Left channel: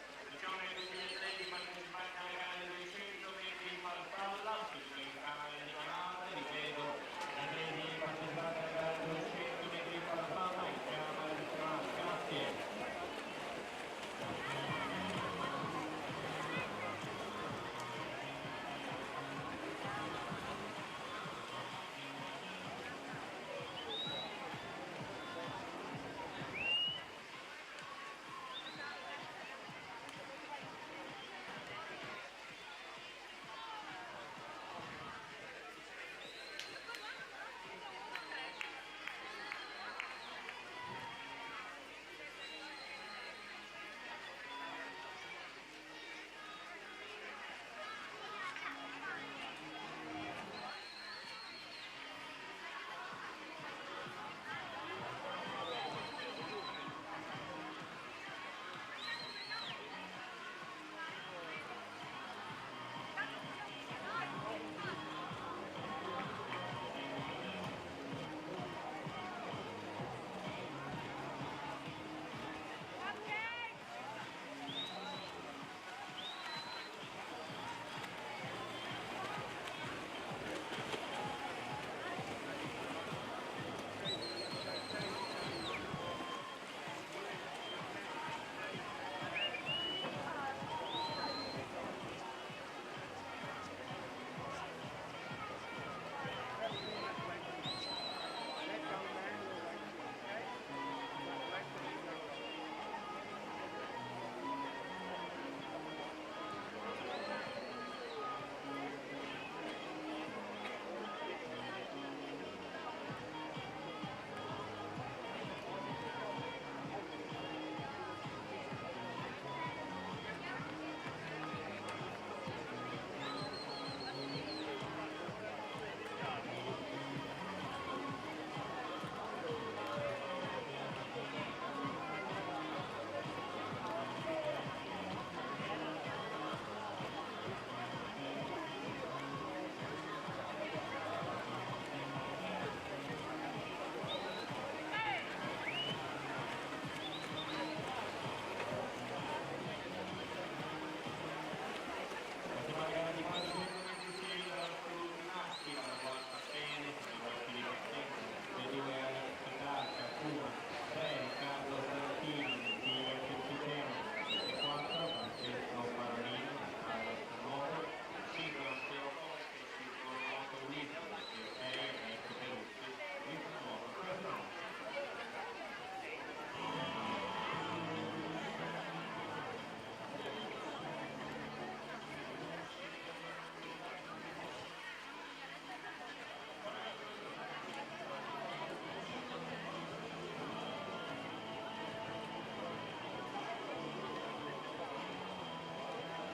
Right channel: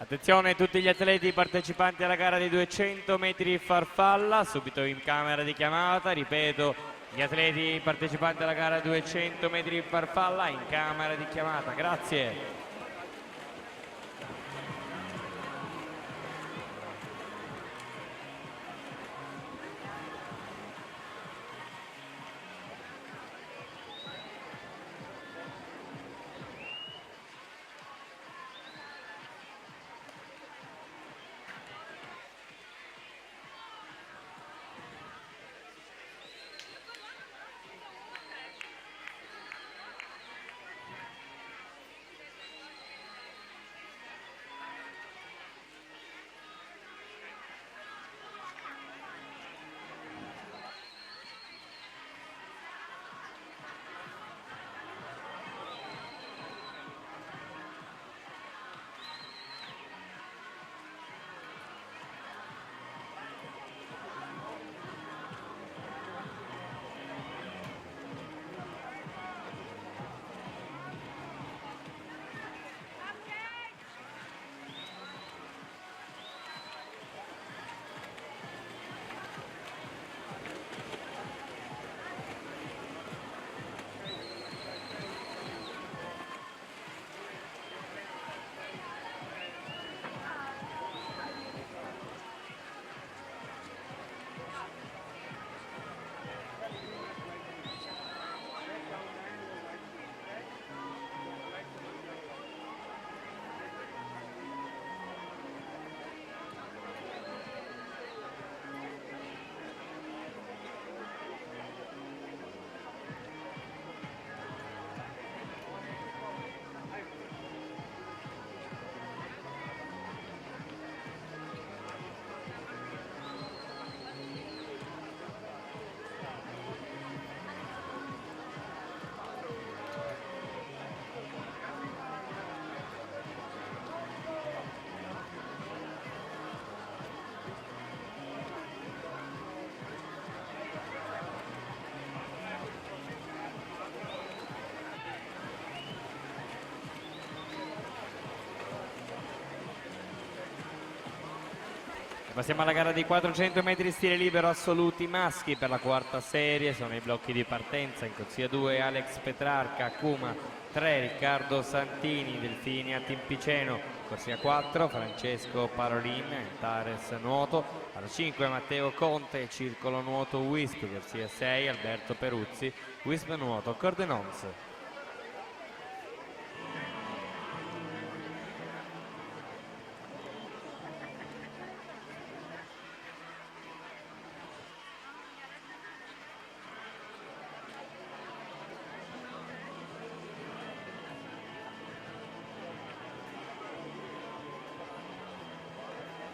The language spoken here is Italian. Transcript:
Attenzione a tutti gli atleti partecipanti alla gara di 200 metri farfalla, subito in camera di chiamata, ripeto, gli atleti partecipanti alla gara 200 metri farfalla in camera di chiamata, grazie. Passiamo alla gara di 400 metri stile libero assoluti maschi per la quarta serie, sono i blocchi di partenza, in corsia 2 Alex Petrarca, Cuma 3 Riccardo Santini, Delfini Timpiceno, corsia 4 Francesco Parolin, Tares Nuoto, alla 5 Matteo Conte, Circolo Nuoto Wisp, corsia 6 Alberto Peruzzi, Wisp Nuoto Cordenons.